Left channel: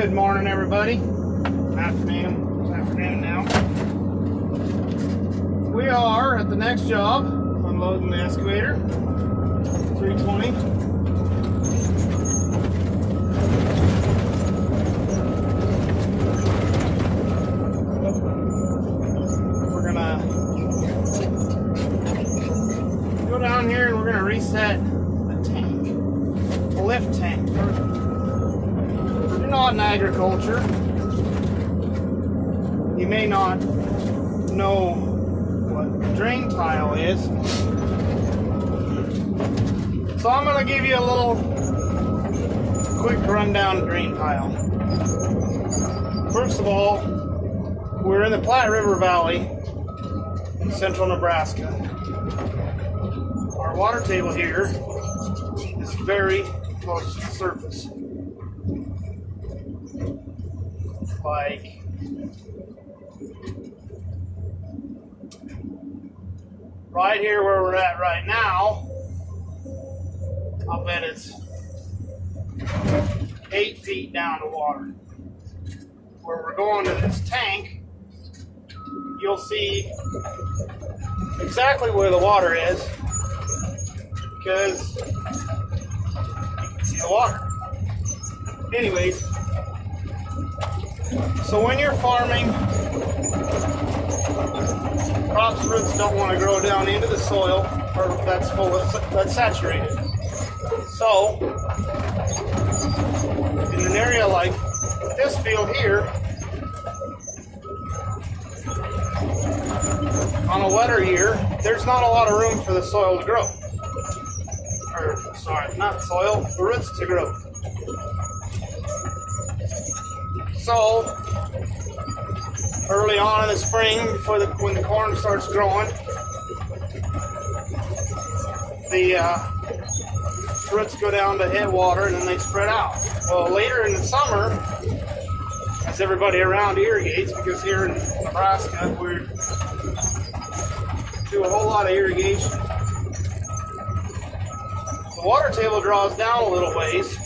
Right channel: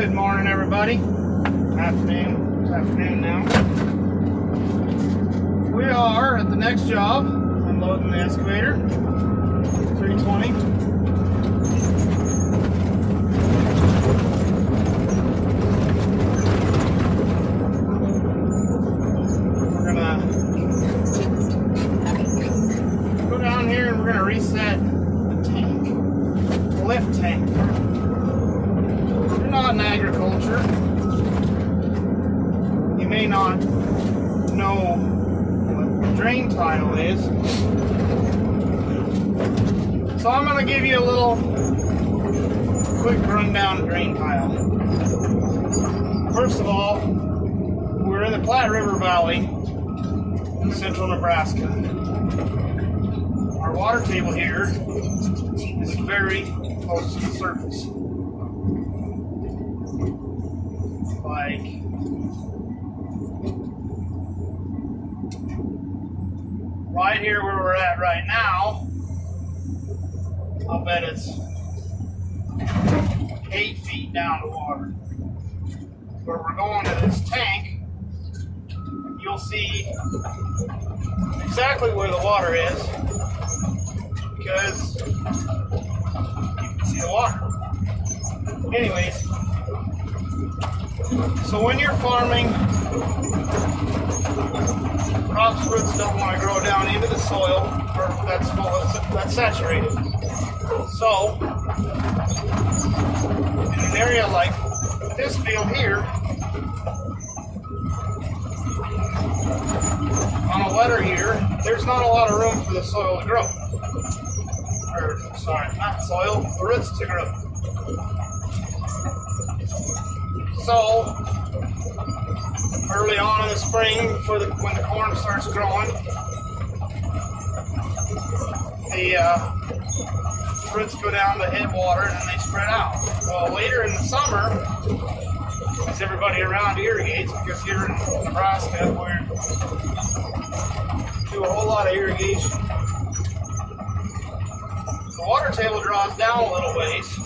Good morning, everybody. Afternoon. It's afternoon now. We are at the next job, unloading the excavator. 320. We're gonna go down here and we're gonna reset the tank, the lift tank. You're not in agriculture. You may not know what drain tile is. So I'm going to give you a little quick rundown of drain tile. First of all, we're in the Platte River Valley in central Nebraska. Our water table here is very close to the surface. Like right here where we're at right now, I'll bet it's 8 feet down to water. Where we're going to this tank, you'll see exactly where the water is because you can see the water. Anyways, so when you're farming, crops roots don't want to grow down into the soil that's saturated. So, in an area like this field here, on a wetter year, there's not a lot of room for the soil to grow. Or, sorry, not soil, the roots to grow. So, early on in the spring, when the corn starts growing, the roots go down to headwater and then they spread out. Well, later in the summer, as everybody around irrigates, because here in Nebraska we do a whole lot of irrigation, the water table draws down a little ways,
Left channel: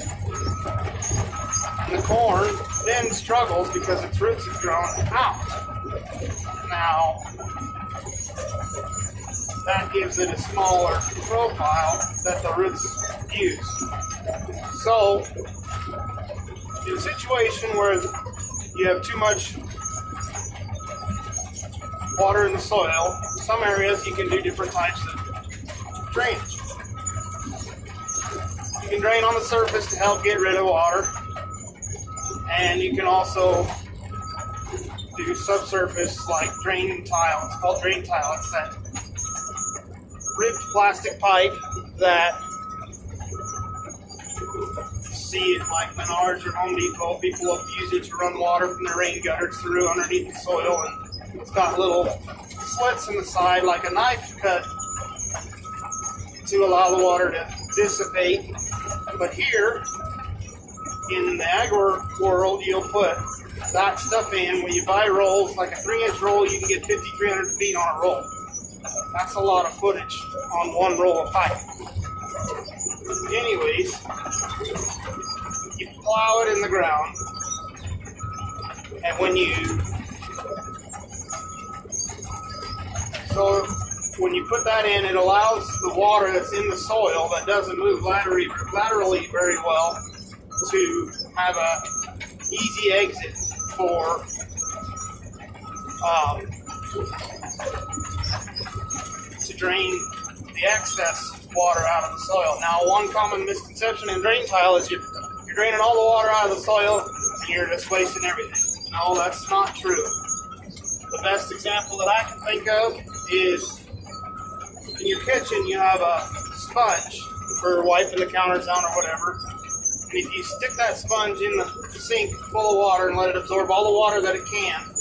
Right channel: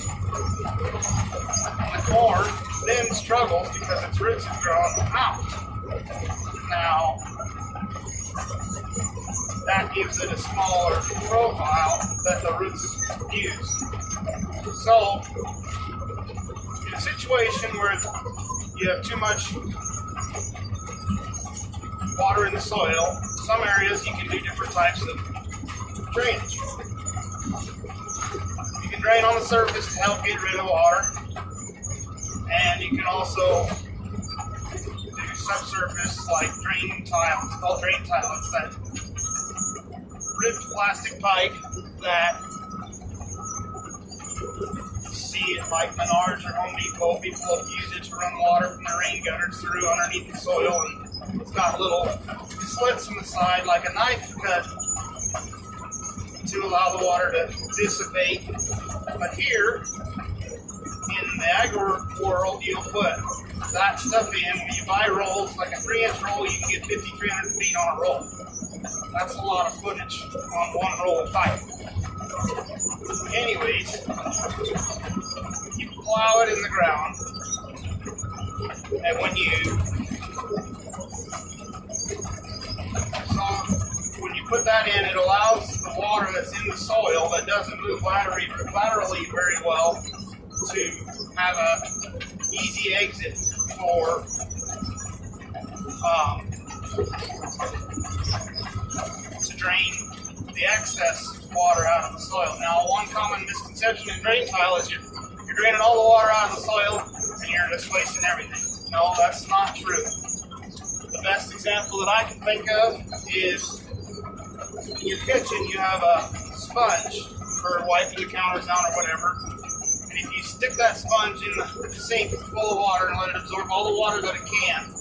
and the corn then struggles because its roots have grown out. Now, that gives it a smaller profile that the roots use. So, in a situation where you have too much water in the soil, some areas you can do different types of drainage. You can drain on the surface to help get rid of water. And you can also do subsurface like drain tile. It's called drain tile. It's that ribbed plastic pipe that you see at like Menards or Home Depot. People have used it to run water from the rain gutters through underneath the soil, and it's got little slits in the side like a knife cut to allow the water to dissipate. But here, in the agri world, you'll put that stuff in. When you buy rolls, like a 3-inch roll, you can get 5,300 feet on a roll. That's a lot of footage on one roll of pipe. Anyways, you plow it in the ground, and when you put that in, it allows the water that's in the soil that doesn't move laterally very well to have a easy exit for to drain the excess water out of the soil. Now, one common misconception in drain tile is you're draining all the water out of the soil and you're just wasting everything. No, that's not true. The best example that I can think of is in your kitchen you have a sponge for wiping the counters down or whatever. And if you stick that sponge in the sink full of water and let it absorb all the water that it can,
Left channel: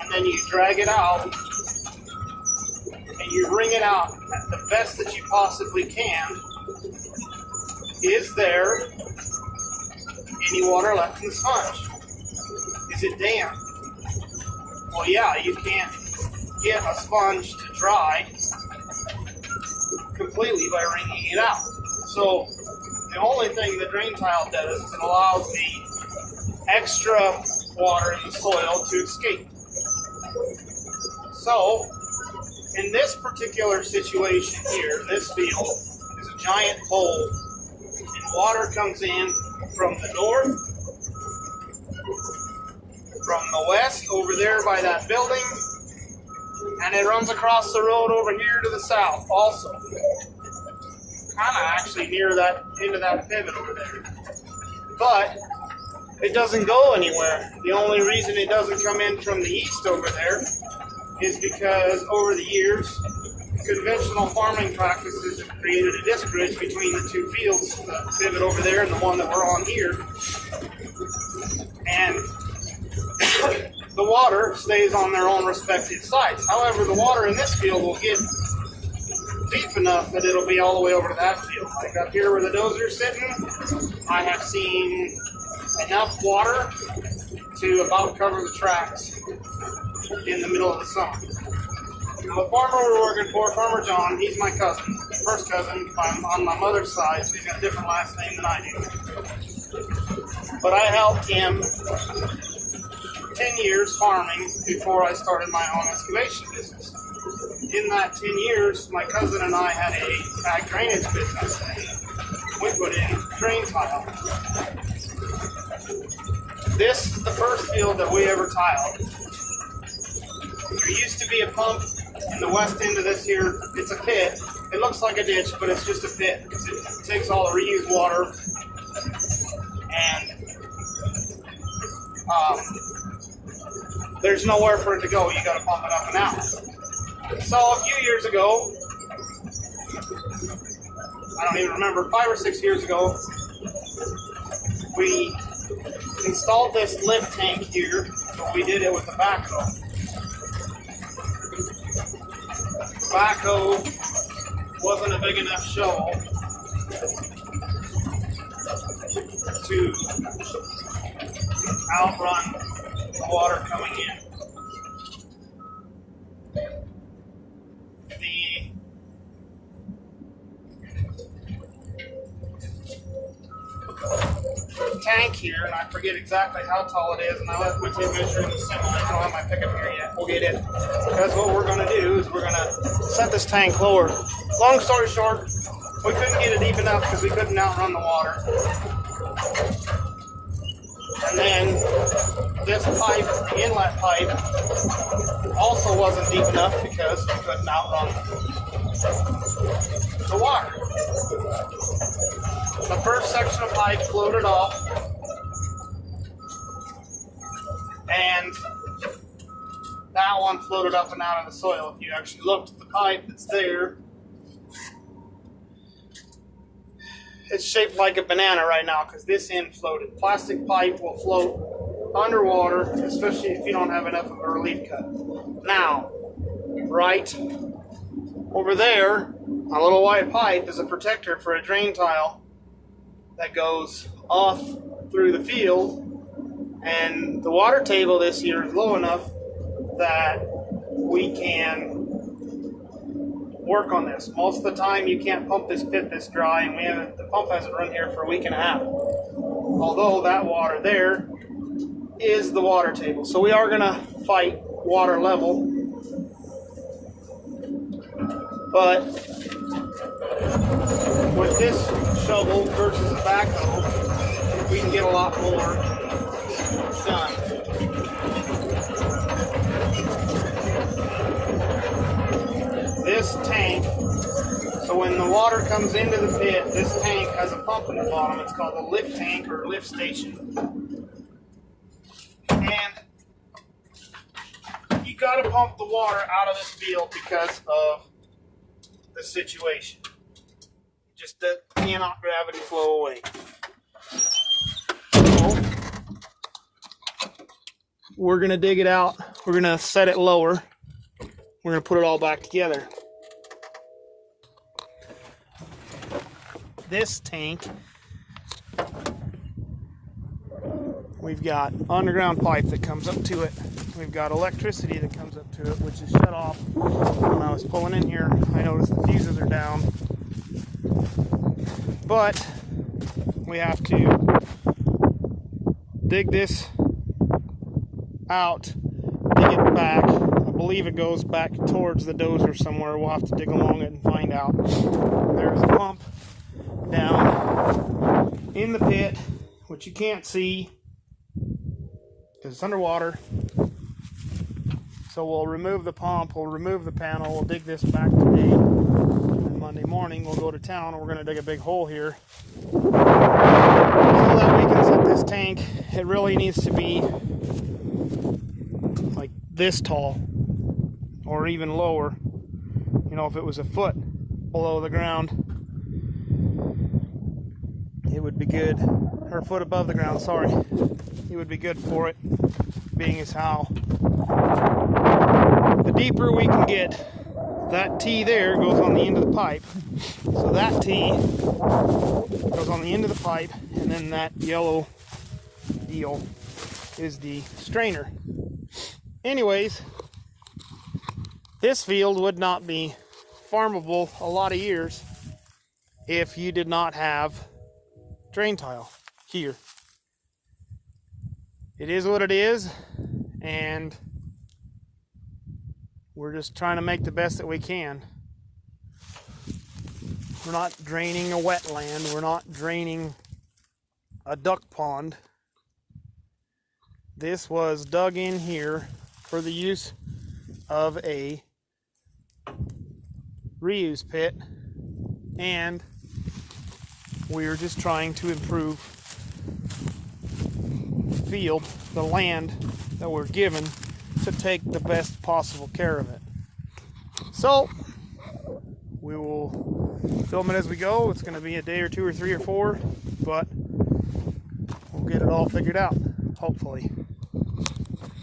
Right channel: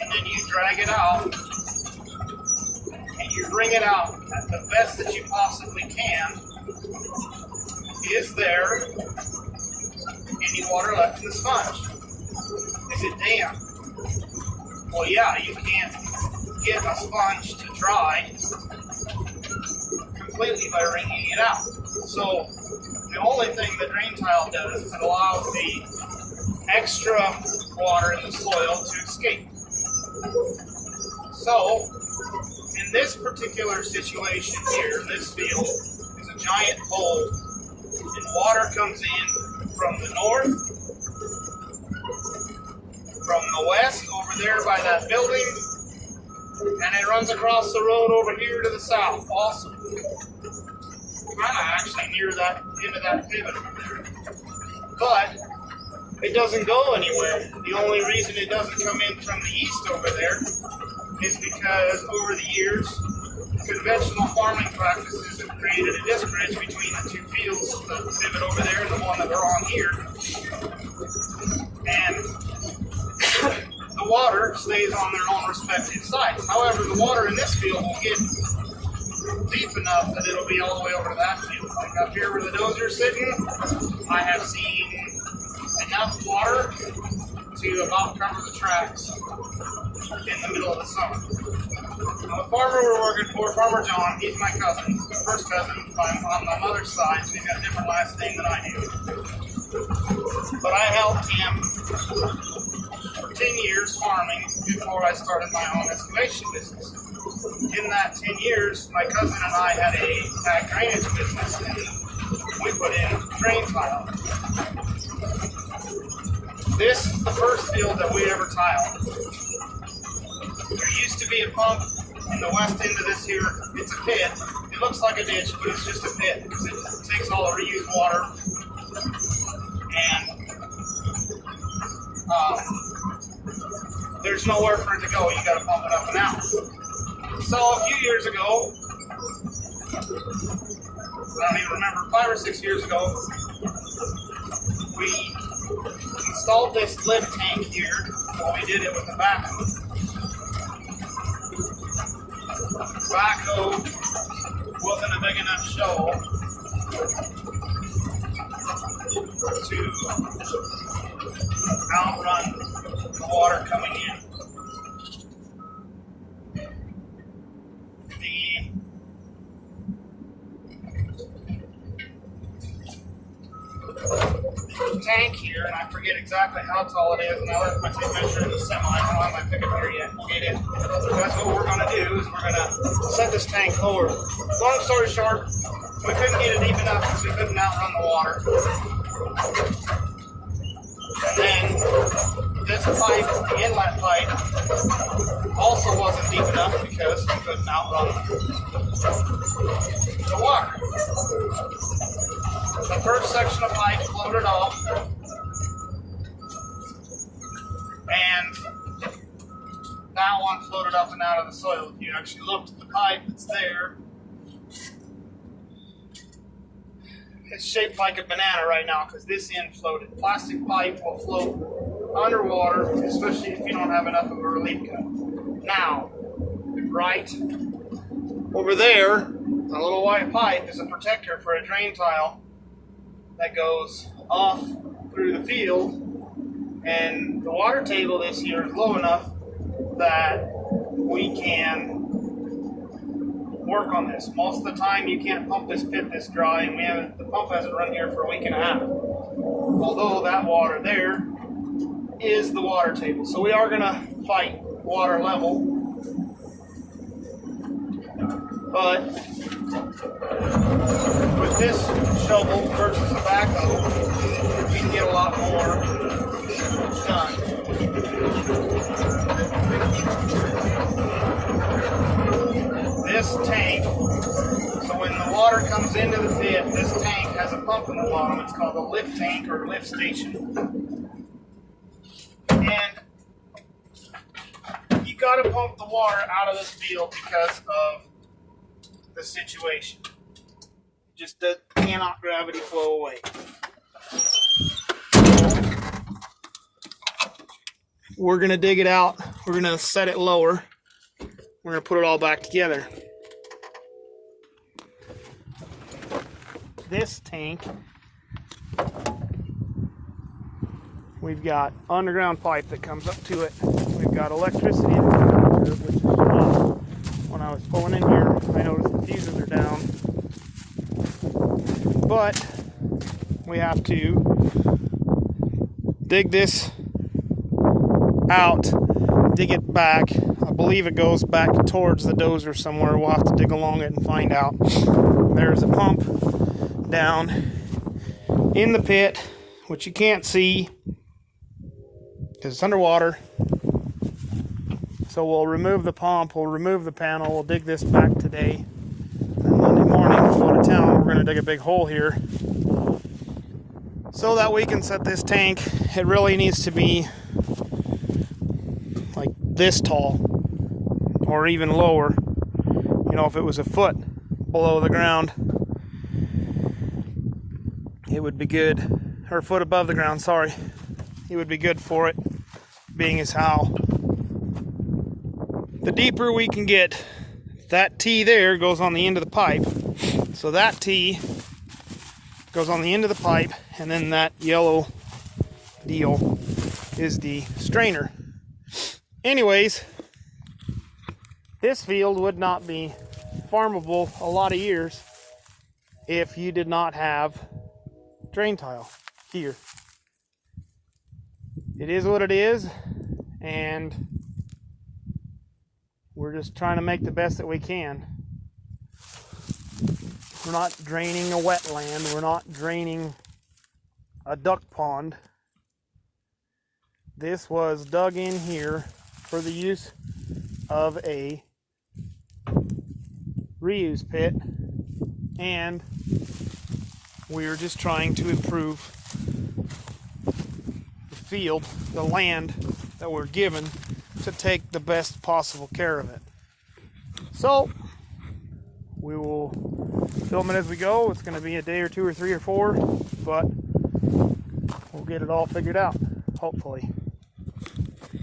and then you drag it out, and you wring it out at the best that you possibly can, is there any water left in the sponge? Is it damp? Well, yeah, you can't get a sponge to dry completely by wringing it out. So the only thing the drain tile does is it allows the extra water in the soil to escape. So, in this particular situation here, this field is a giant bowl, and water comes in from the north, from the west over there by that building, and it runs across the road over here to the south also. Kind of actually near that, into that pivot over there. But it doesn't go anywhere. The only reason it doesn't come in from the east over there is because over the years, conventional farming practices have created a disc ridge between the two fields, the pivot over there and the one that we're on here. And the water stays on their own respective sides. However, the water in this field will get deep enough that it'll be all the way over to that field. Like up here where the dozer's sitting, I have seen enough water to about cover the tracks in the middle of the summer. Now the farmer we're working for, Farmer John, he's my cousin, first cousin on my mother's side, so he's got a different last name than I do. But I helped him for 10 years farming before I started my own excavation business. In that 10 years, my cousin and I had a ag drainage business, and we put in drain tile. This is the first field that we ever tiled. There used to be a pump in the west end of this here. It's a pit. It looks like a ditch, but it's just a pit because it takes all the reused water, and there's nowhere for it to go. You got to pump it up and out. So a few years ago, I don't even remember, 5 or 6 years ago, we installed this lift tank here, but we did it with a backhoe. Backhoe wasn't a big enough shovel to outrun the water coming in. The tank here, and I forget exactly how tall it is, and I left my tape measure in the semi. I don't have my pickup here yet. We'll get it. That's what we're going to do, is we're going to set this tank lower. Long story short, we couldn't get it deep enough because we couldn't outrun the water. And then this pipe, the inlet pipe, also wasn't deep enough because we couldn't outrun the water. The first section of pipe floated off, and that one floated up and out of the soil. If you actually looked at the pipe that's there, it's shaped like a banana right now because this end floated. Plastic pipe will float underwater, especially if you don't have enough of a relief cut. Now, right over there, a little white pipe is a protector for a drain tile that goes off through the field, and the water table this year is low enough that we can work on this. Most of the time you can't pump this pit this dry, and the pump hasn't run here for a week and a half. Although that water there is the water table. So we are gonna fight water level, but with this shovel versus a backhoe, we can get a lot more done. This tank, so when the water comes into the pit, this tank has a pump in the bottom. It's called a lift tank or lift station. And you got to pump the water out of this field because of the situation. Just cannot gravity flow away. We're going to dig it out. We're going to set it lower. We're going to put it all back together. This tank, we've got underground pipe that comes up to it. We've got electricity that comes up to it, which is shut off. When I was pulling in here, I noticed the fuses are down. But we have to dig this out, dig it back. I believe it goes back towards the dozer somewhere. We'll have to dig along it and find out. There's a pump down in the pit, which you can't see because it's underwater. So we'll remove the pump, we'll remove the panel, we'll dig this back today. And Monday morning, we'll go to town. We're going to dig a big hole here so that we can set this tank. It really needs to be like this tall or even lower. You know, if it was a foot below the ground, it would be good, or a foot above the ground, sorry. It would be good for it, being as how the deeper we can get. That T there goes on the end of the pipe. So that T goes on the end of the pipe, and then that yellow deal is the strainer. Anyways, this field would not be farmable a lot of years if you did not have drain tile here. It is what it is, and we're just trying to make the best that we can. We're not draining a wetland. We're not draining a duck pond. This was dug in here for the use of a reuse pit, and we're just trying to improve the field, the land that we're given, to take the best possible care of it. So we will film it as we go. It's going to be a day or two or three or four, but we'll get it all figured out, hopefully.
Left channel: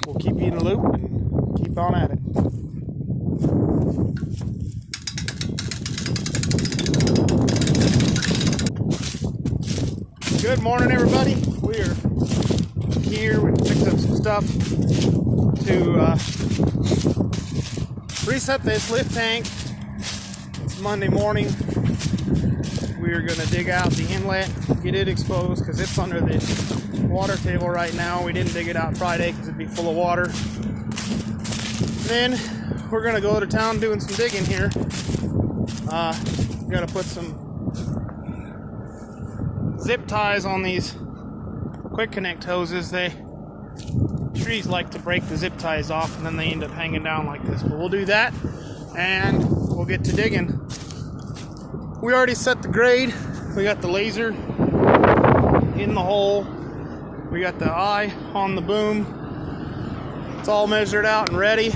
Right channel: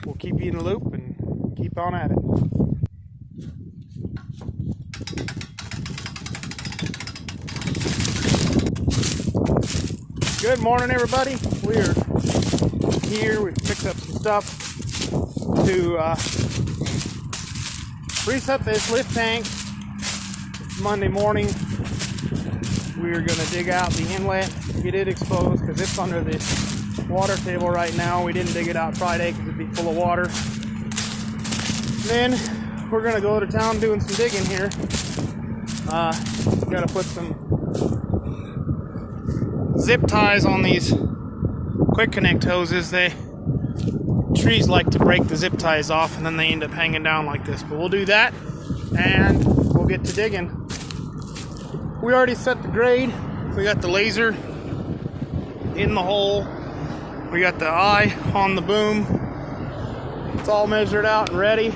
We'll keep you in the loop and keep on at it. Good morning, everybody. We're here. We picked up some stuff to reset this lift tank. It's Monday morning. We're going to dig out the inlet, get it exposed because it's under the water table right now. We didn't dig it out Friday because it'd be full of water. Then we're going to go to town doing some digging here. Got to put some zip ties on these quick connect hoses. Trees like to break the zip ties off and then they end up hanging down like this. But we'll do that and we'll get to digging. We already set the grade. We got the laser in the hole. We got the eye on the boom. It's all measured out and ready.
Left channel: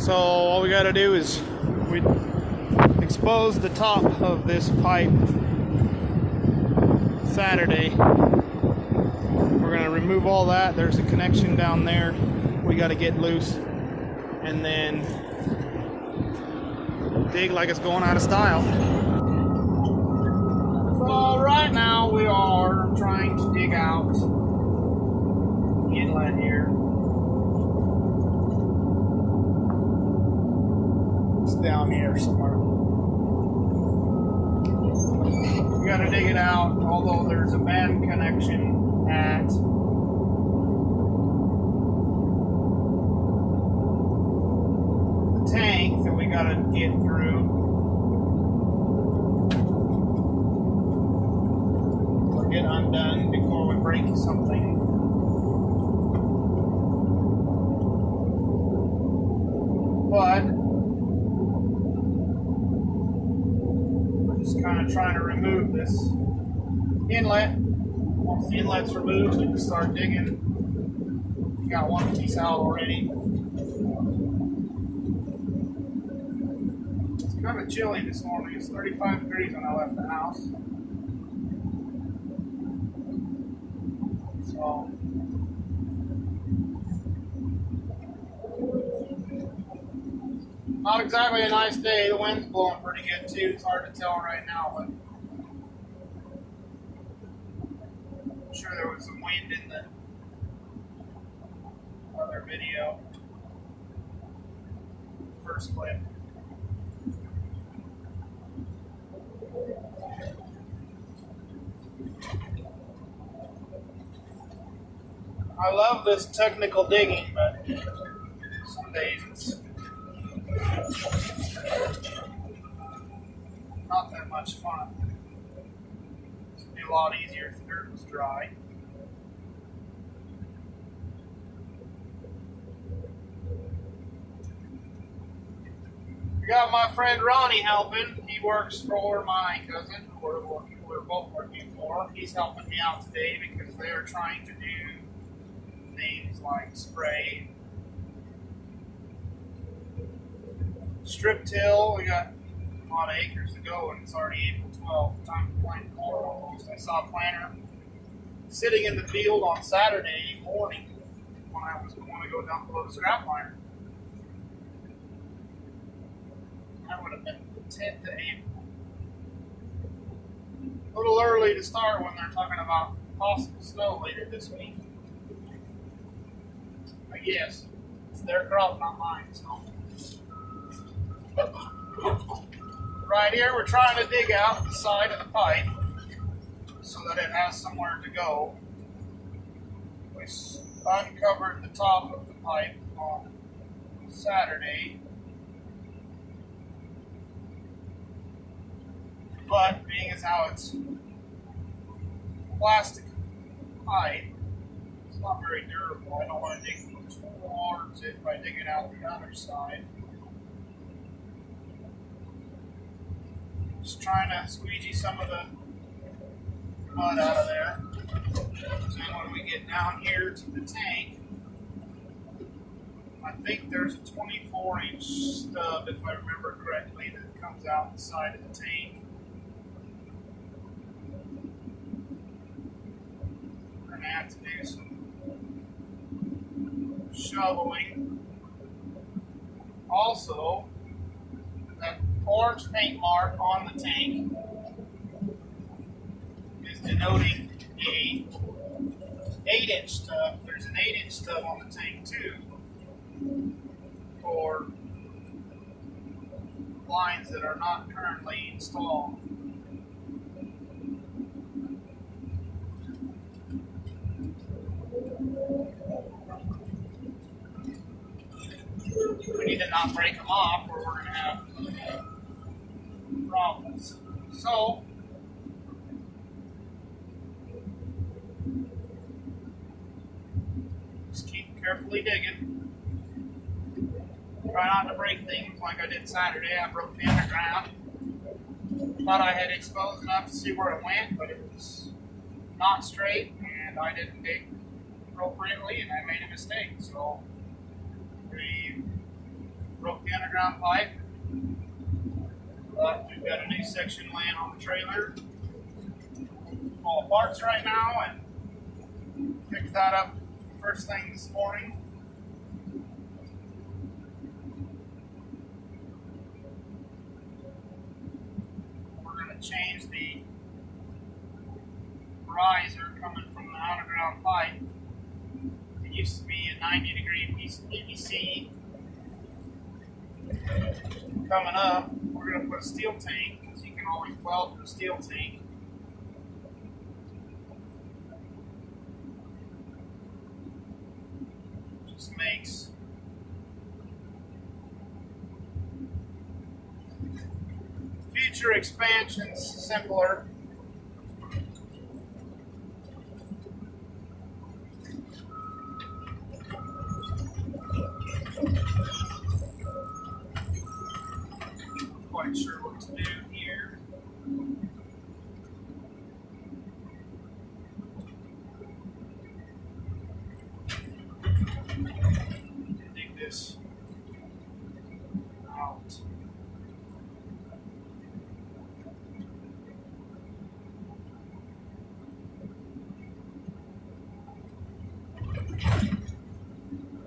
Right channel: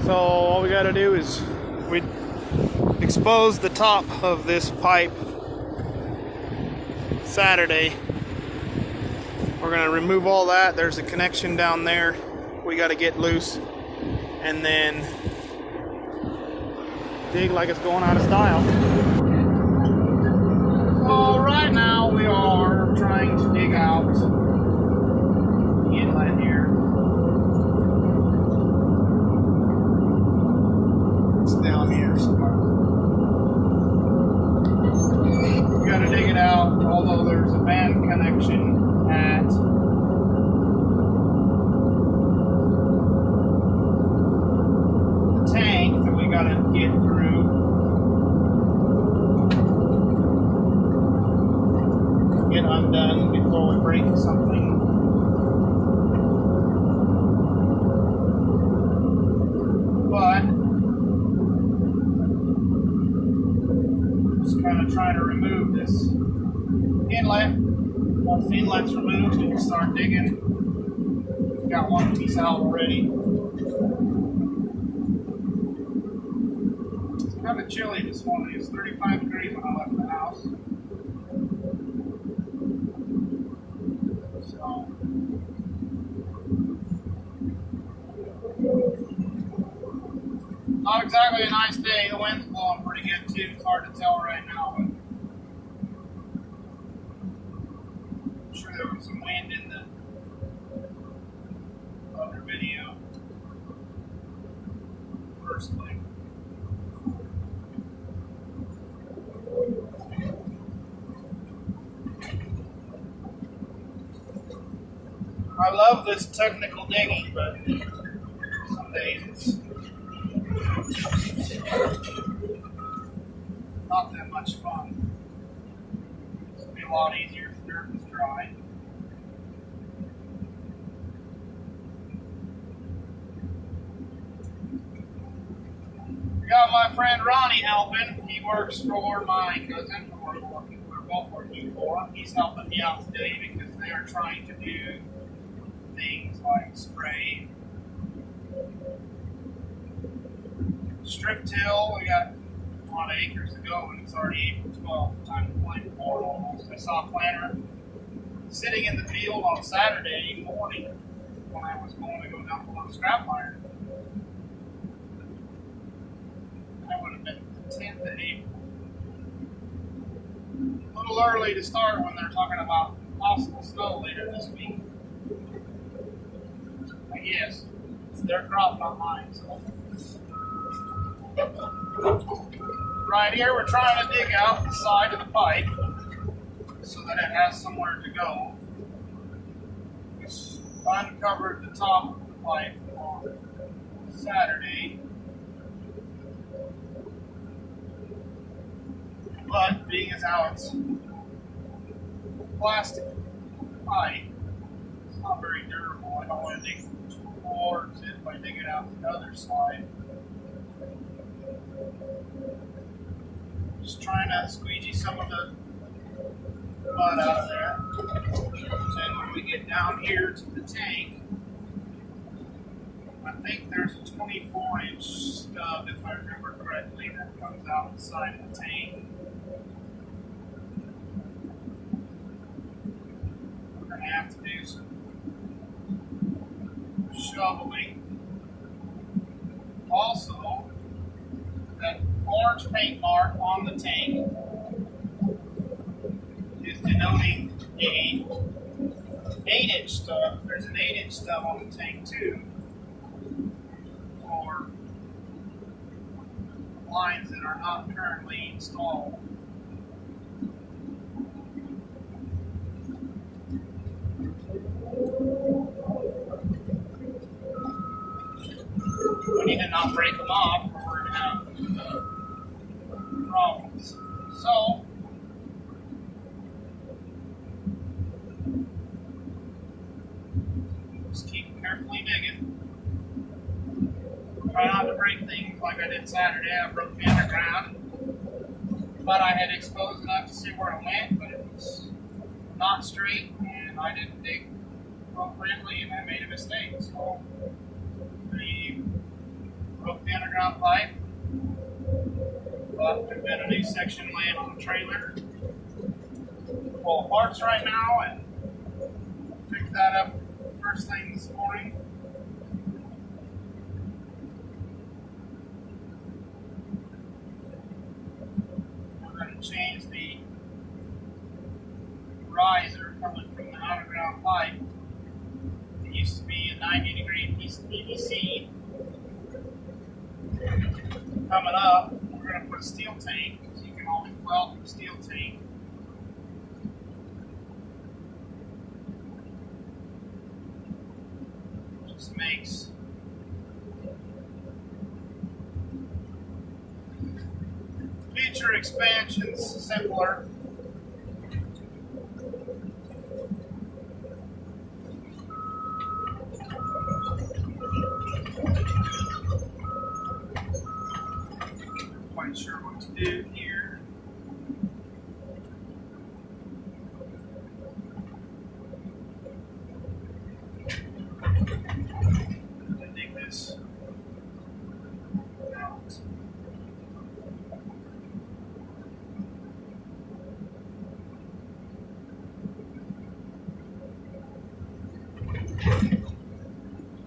So all we got to do is we expose the top of this pipe Saturday. We're going to remove all that. There's a connection down there we got to get loose and then dig like it's going out of style. So right now we are trying to dig out the inlet here. It's down here somewhere. We got to dig it out, although there's a band connection at the tank that we got to get through. Get undone before we break something. But just kind of trying to remove this inlet. Once the inlet's removed, we can start digging. We got one piece out already. It's kind of chilly this morning. It's 35 degrees when I left the house. So not exactly a nice day. The wind's blowing pretty good too. It's hard to tell right now, but I'm sure there was some wind in the other video. First clip. I love this technical digging, but some days it's not that much fun. It'd be a lot easier if the dirt was dry. We got my friend Ronnie helping. He works for my cousin, who we're both working for. He's helping me out today because they're trying to do things like spray, strip till. We got a lot of acres to go, and it's already April 12th. Time to plant corn almost. I saw a planter sitting in the field on Saturday morning when I was going to go dump a load of scrap iron. That would have been the 10th of April. A little early to start when they're talking about possible snow later this week. I guess it's their crop, not mine. So right here, we're trying to dig out the side of the pipe so that it has somewhere to go. We uncovered the top of the pipe on Saturday, but being as how it's plastic pipe, it's not very durable. I don't want to dig towards it by digging out the other side. Just trying to squeegee some of the mud out of there. Then when we get down here to the tank, I think there's a 24-inch stub, if I remember correctly, that comes out the side of the tank. We're going to have to do some shoveling. Also, that orange paint mark on the tank is denoting a 8-inch stub. There's an 8-inch stub on the tank too for lines that are not currently installed. We need to not break them off or we're going to have problems. So, just keep carefully digging. Try not to break things like I did Saturday. I broke the underground. Thought I had exposed enough to see where it went, but it was not straight and I didn't dig appropriately and I made a mistake. So, we broke the underground pipe. But we've got a new section laying on the trailer full of parts right now, and picked that up first thing this morning. We're going to change the riser coming from the underground pipe. It used to be a 90-degree piece of PVC. Coming up, we're going to put a steel tank, because you can always weld from a steel tank. Just makes future expansions simpler. Quite sure what to do here. Dig this out.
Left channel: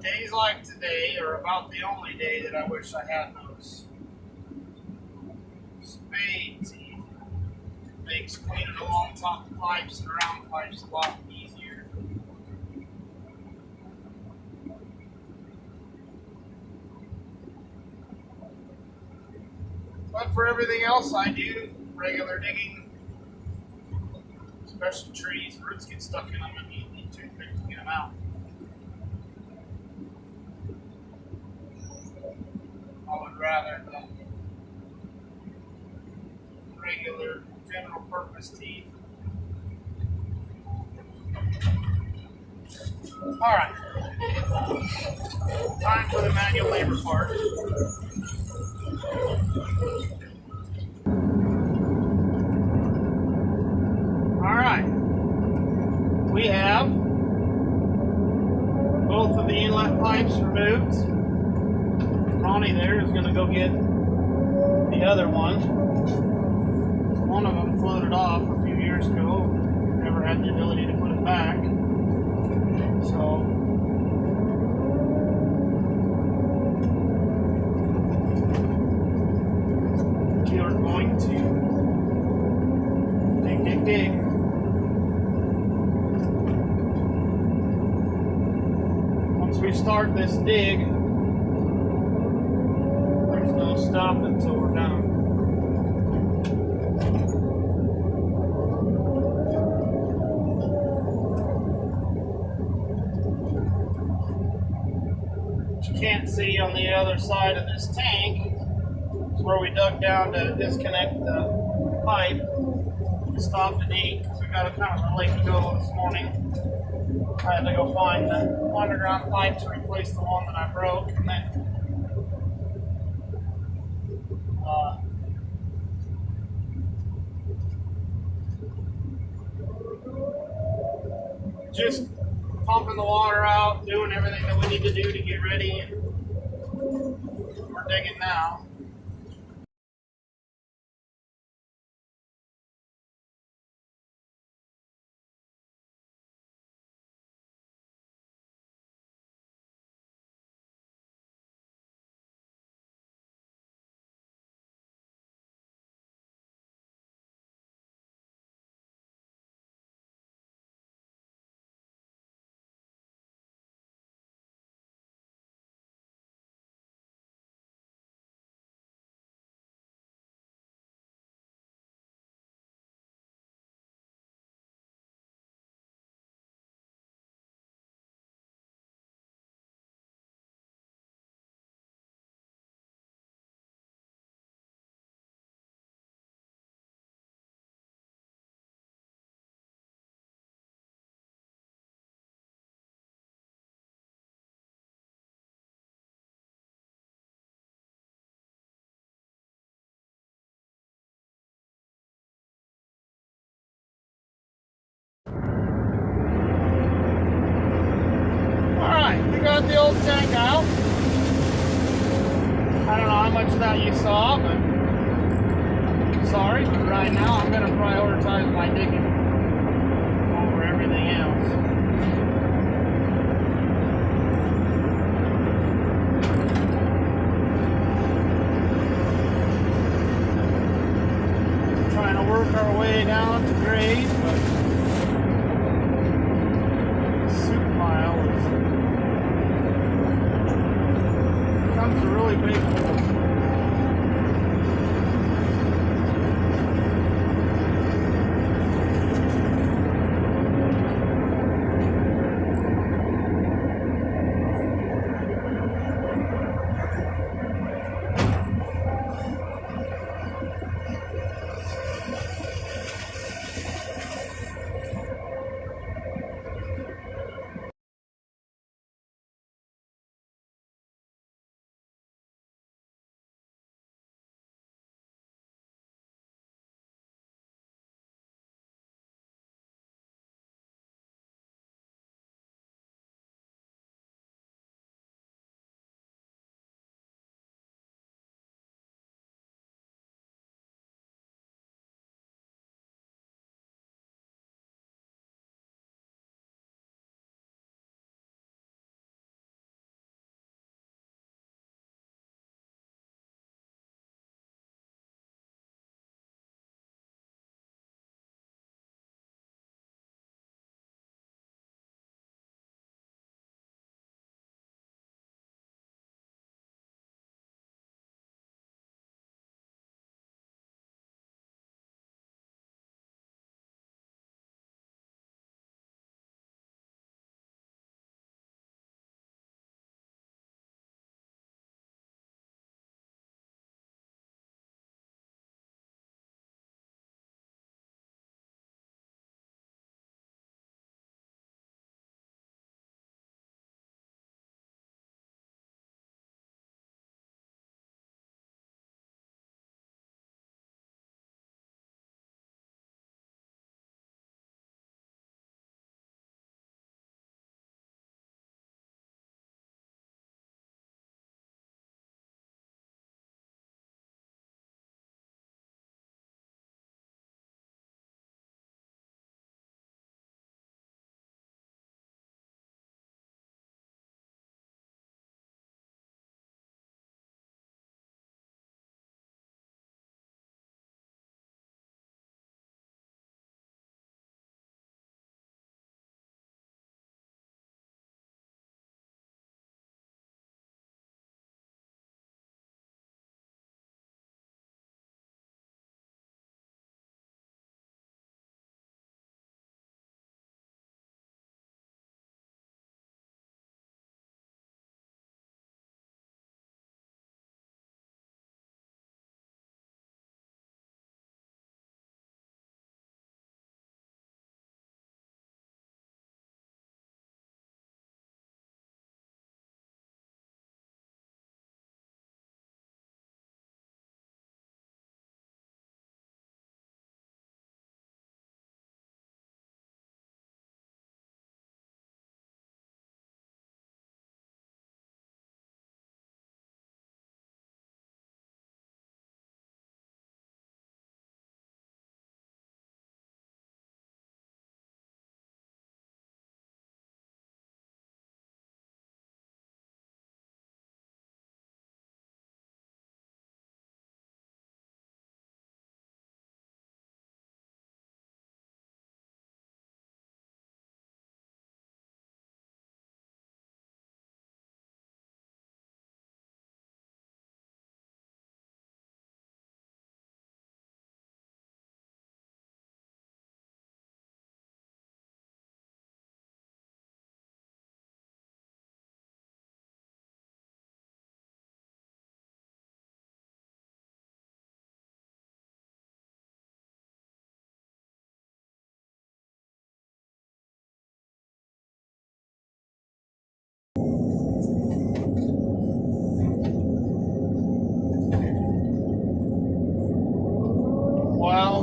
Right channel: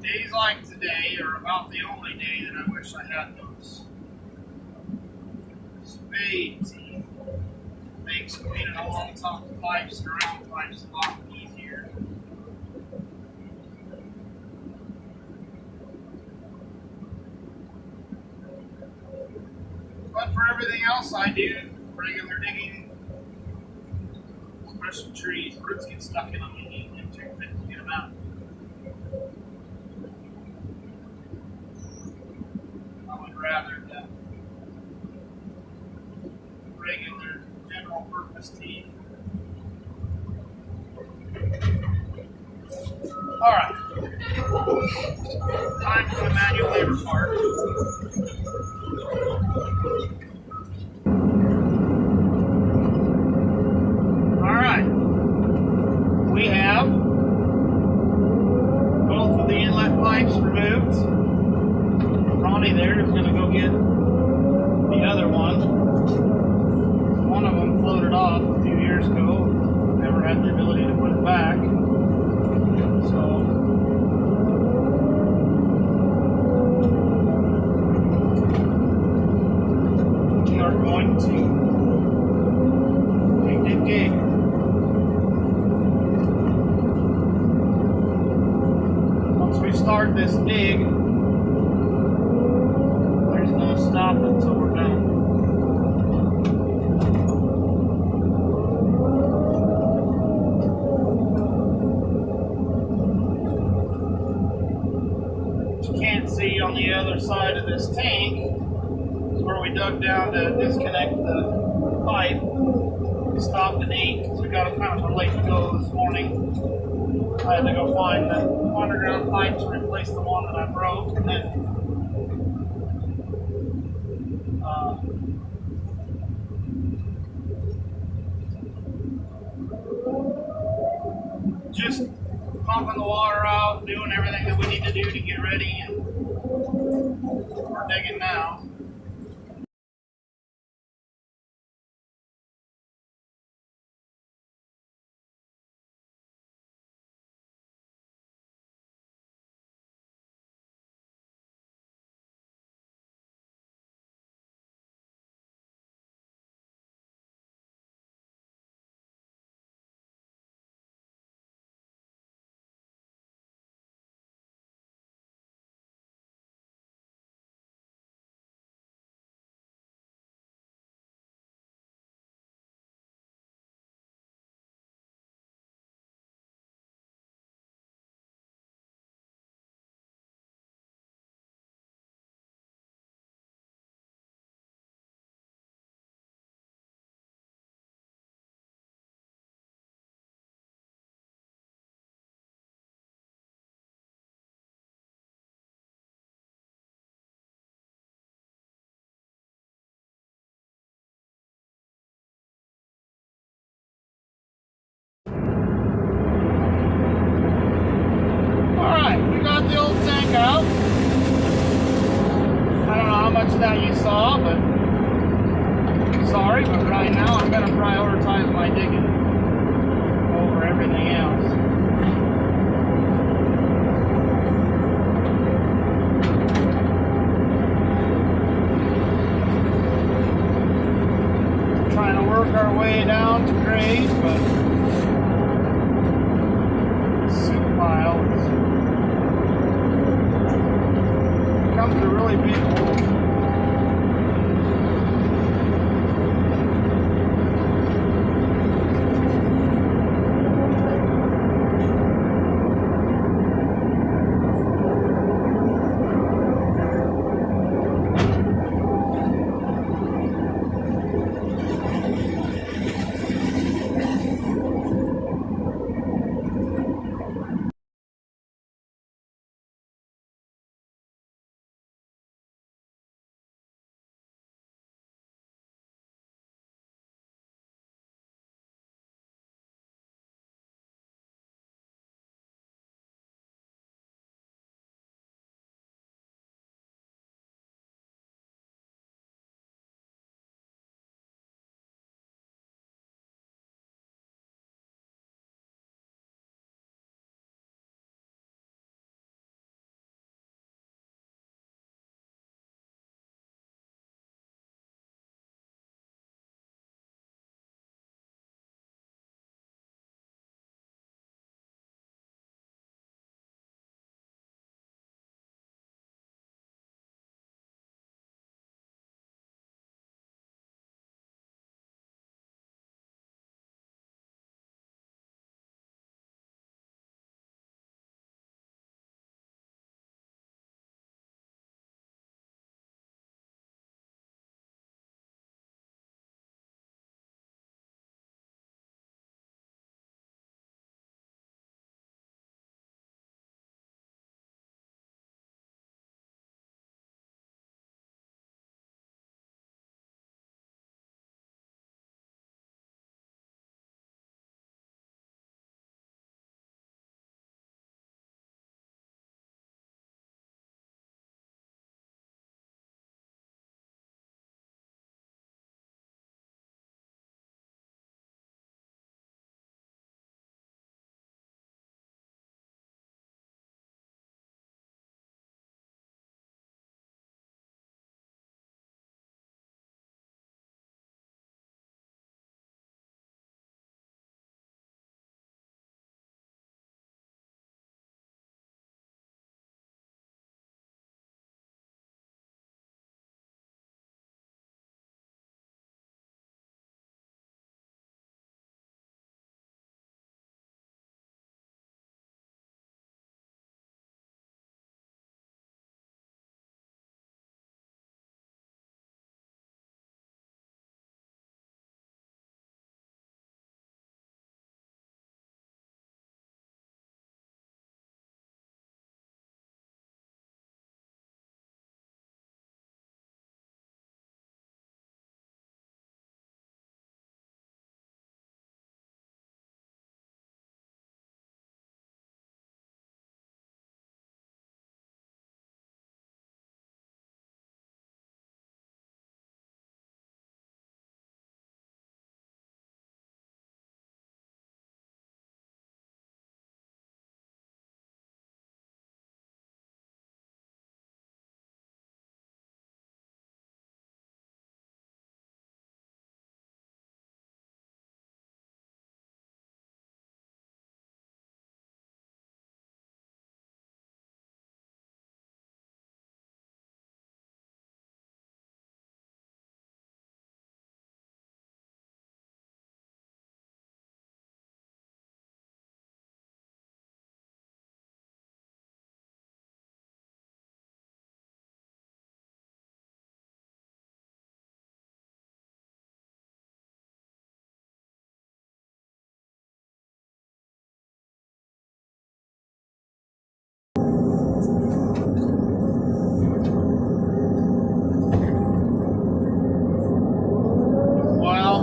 Days like today are about the only day that I wish I had those spade teeth. Makes cleaning along top of pipes and around pipes a lot easier. But for everything else I do, regular digging, especially trees, roots get stuck in them and you need a toothpick to get them out. I would rather than regular general purpose teeth. Alright. Time for the manual labor part. Alright. We have both of the inlet pipes removed. Ronnie there is going to go get the other one. One of them floated off a few years ago. Never had the ability to put it back. So we are going to dig. Once we start this dig, there's no stopping until we're done. What you can't see on the other side of this tank is where we dug down to disconnect the pipe. We stopped at 8 because we got a kind of a late go this morning. I had to go find the underground pipe to replace the one that I broke, and then just pumping the water out, doing everything that we need to do to get ready, and we're digging now. Got the old tank out. I don't know how much of that you saw, but sorry, but right now I'm going to prioritize my digging over everything else. Trying to work our way down to grade, but the soup pile becomes a really big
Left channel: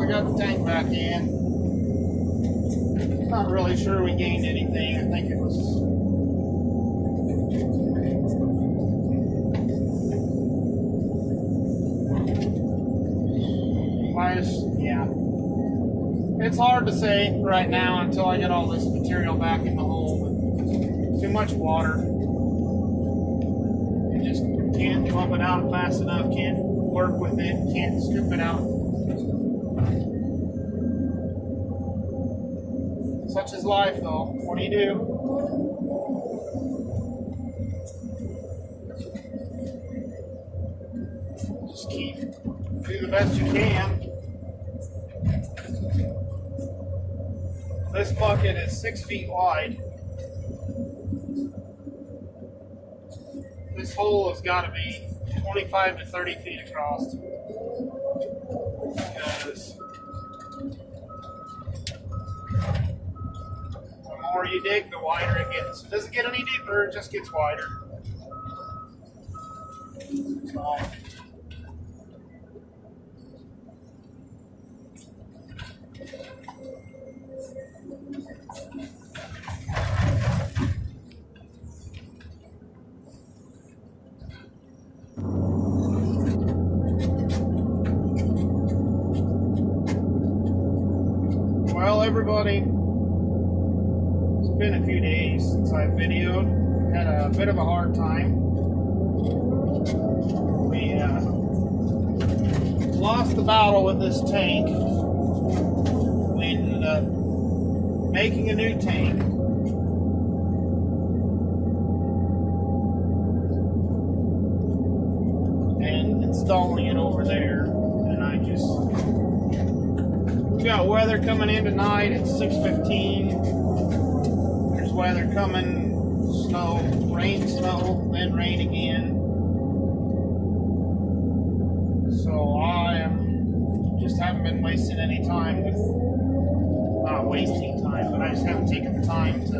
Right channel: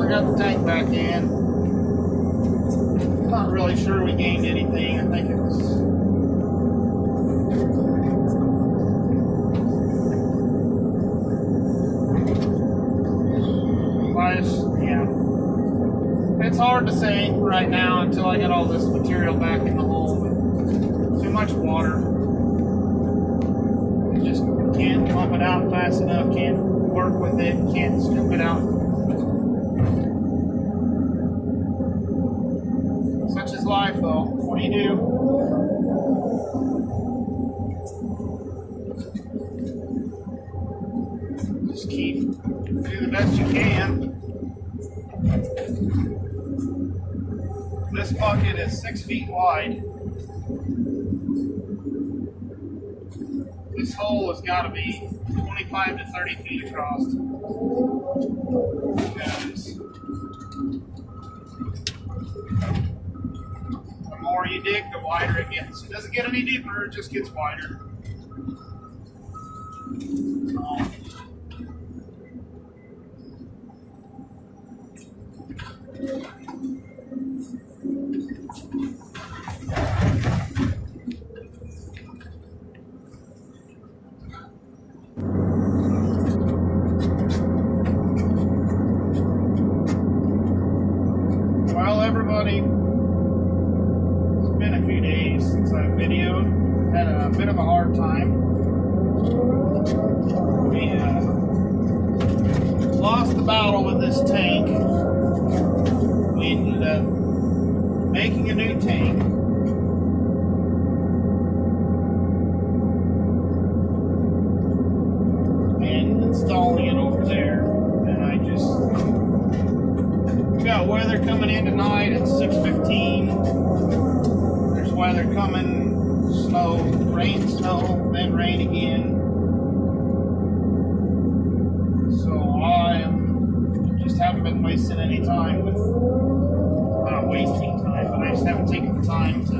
I got the tank back in. Not really sure we gained anything. I think it was yeah. It's hard to say right now until I get all this material back in the hole. Too much water. You just can't pump it out fast enough, can't work with it, can't scoop it out. Such is life, though. What do you do? Just do the best you can. This bucket is 6 feet wide. This hole has got to be 25 to 30 feet across. Because the more you dig, the wider it gets. It doesn't get any deeper, it just gets wider. So, well, everybody, it's been a few days since I videoed. Had a bit of a hard time. We lost the battle with this tank. We ended up making a new tank. And installing it over there. And I just... We got weather coming in tonight at 6:15. There's weather coming, snow, snow, then rain again. So I just haven't been wasting any time with, not wasting time, but I just haven't taken the time to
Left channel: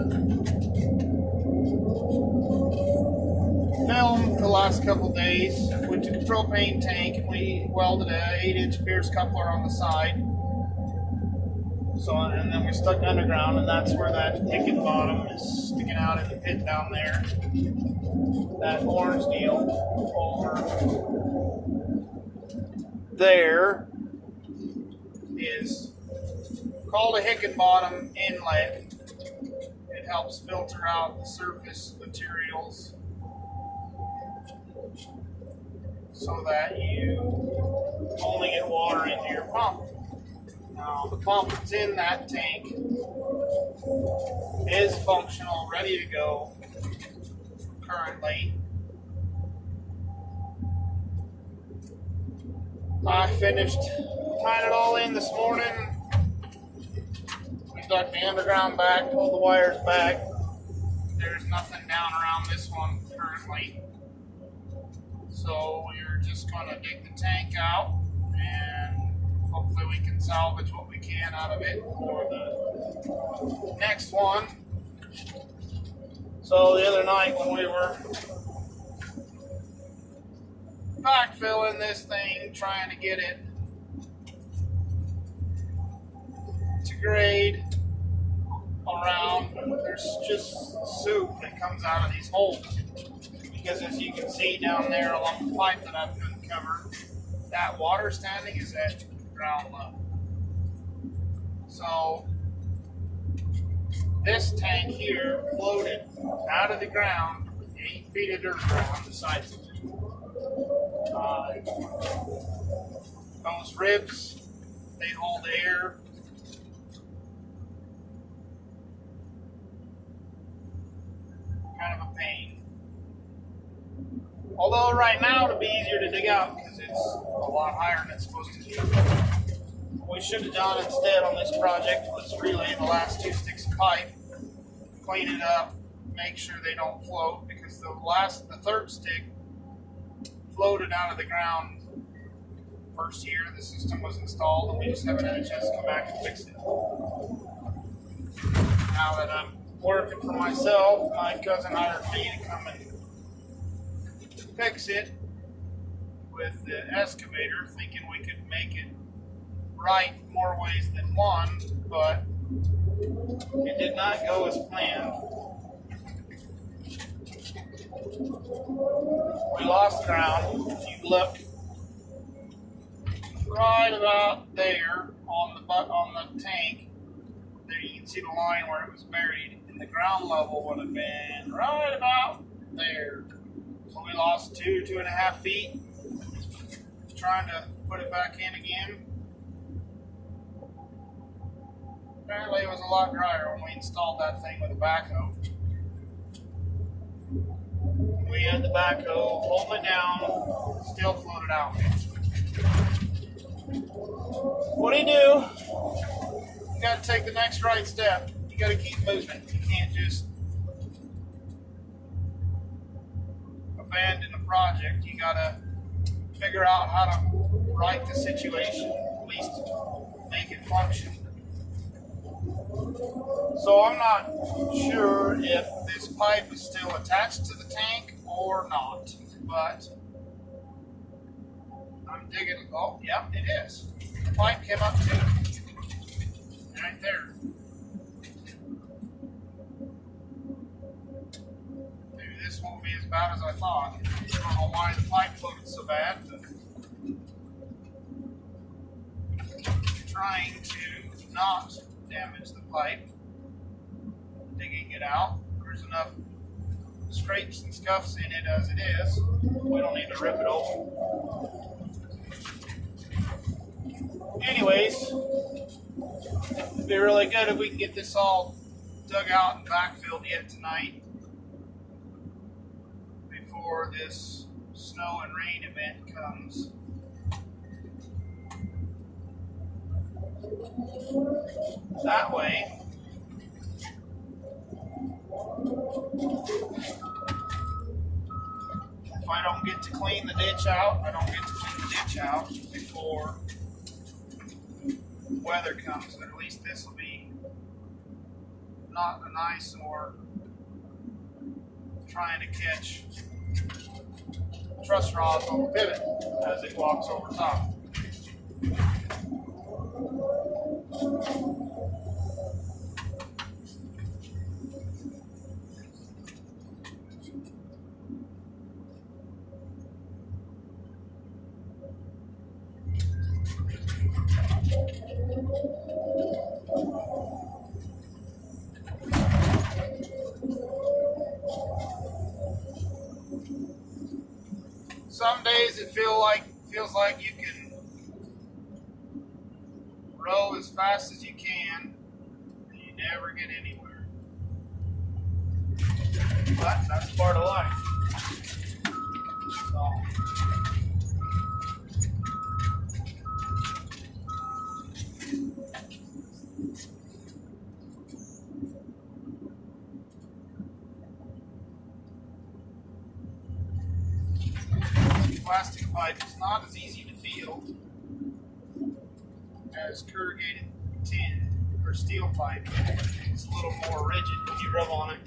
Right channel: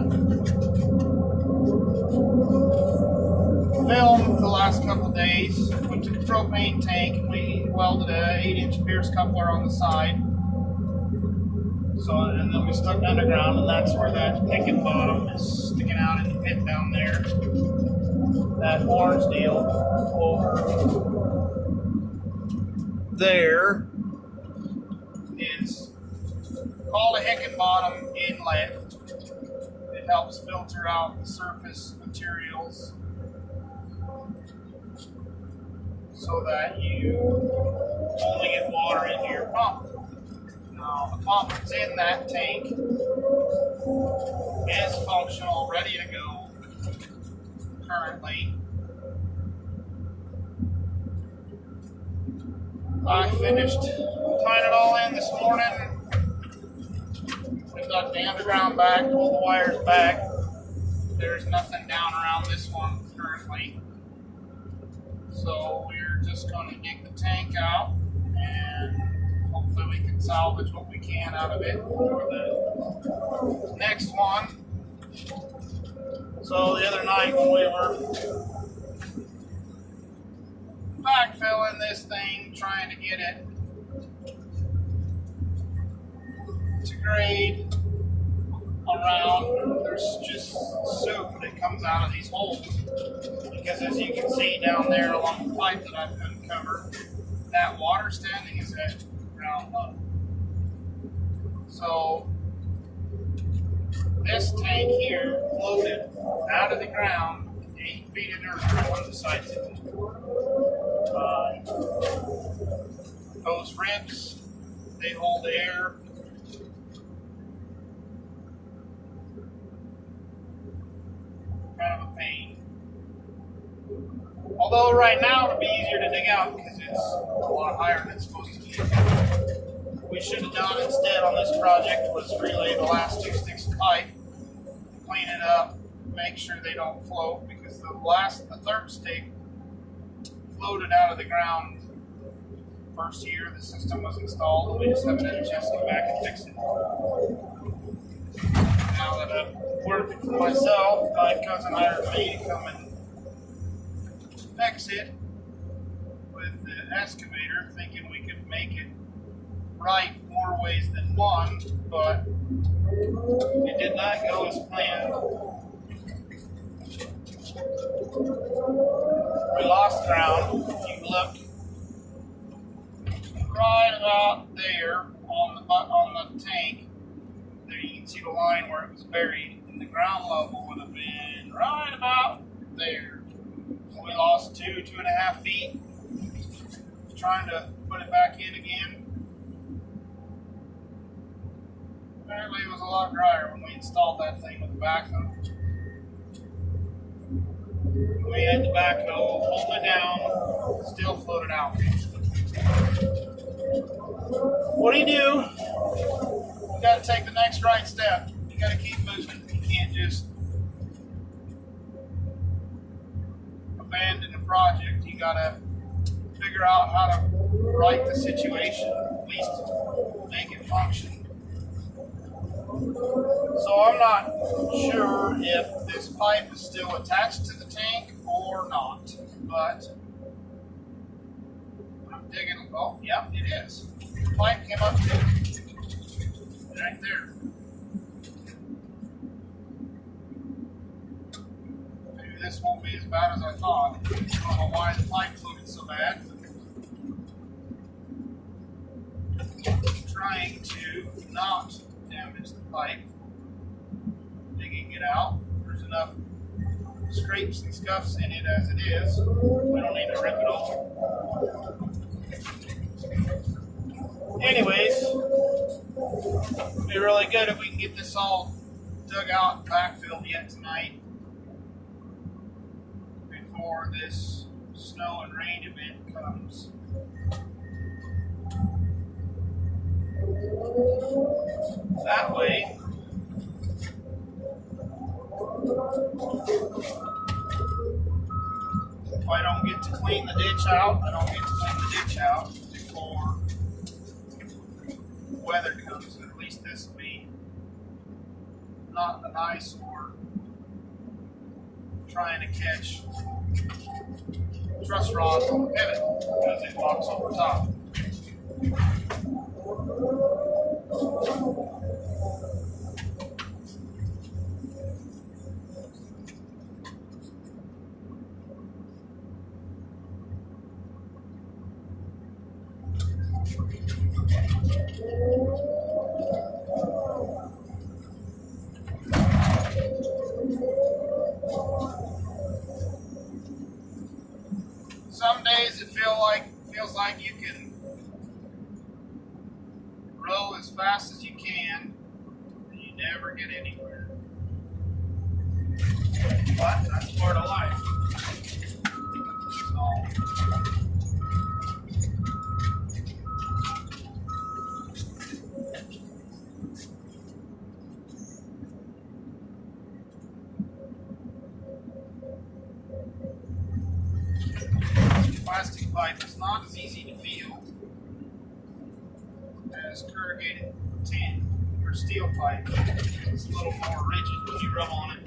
film the last couple of days. We took a propane tank and we welded an 8-inch Pierce coupler on the side. So, and then we stuck underground, and that's where that picking bottom is sticking out in the pit down there. That orange deal over there is called a Hickenbottom inlet. It helps filter out the surface materials so that you only get water into your pump. Now, the pump that's in that tank is functional, ready to go currently. I finished tying it all in this morning. We got the underground back, pulled the wires back. There's nothing down around this one currently. So we're just going to dig the tank out and hopefully we can salvage what we can out of it for the next one. So the other night when we were backfilling this thing, trying to get it to grade around, there's just soup that comes out of these holes. Because as you can see down there along the pipe that I've uncovered, that water standing is at ground level. So this tank here floated out of the ground with 8 feet of dirt on the sides of it. Those ribs, they hold air. Kind of a pain. Although right now it'll be easier to dig out because it's a lot higher than it's supposed to be. What we should have done instead on this project was relay the last 2 sticks of pipe, clean it up, make sure they don't float, because the third stick floated out of the ground first year the system was installed, and we just haven't had a chance to come back and fix it. Now that I'm working for myself, my cousin hired me to come and fix it with the excavator, thinking we could make it right more ways than one, but it did not go as planned. We lost ground. If you look right about there on the tank, there you can see the line where it was buried, and the ground level would have been right about there. So we lost 2.5 feet. Trying to put it back in again. Apparently it was a lot drier when we installed that thing with a backhoe. We had the backhoe hold it down, still floated out. What do? You got to take the next right step. You got to keep moving. You can't just abandon a project. You got to figure out how to right the situation, at least make it function. So I'm not sure if this pipe is still attached to the tank or not, but I'm digging. Oh, yep, it is. The pipe came up to right there. Maybe this won't be as bad as I thought. I don't know why the pipe floated so bad, but trying to not damage the pipe, digging it out. There's enough scrapes and scuffs in it as it is. We don't need to rip it open. Anyways, it'd be really good if we can get this all dug out and backfilled yet tonight before this snow and rain event comes. That way, if I don't get to clean the ditch out, before weather comes. At least this will be not an eyesore trying to catch truss rods on the pivot as it walks over top. Some days it feels like you can row as fast as you can and you never get anywhere. But that's part of life. So plastic pipe is not as easy to feel as corrugated tin or steel pipe. It's a little more rigid when you rub on it.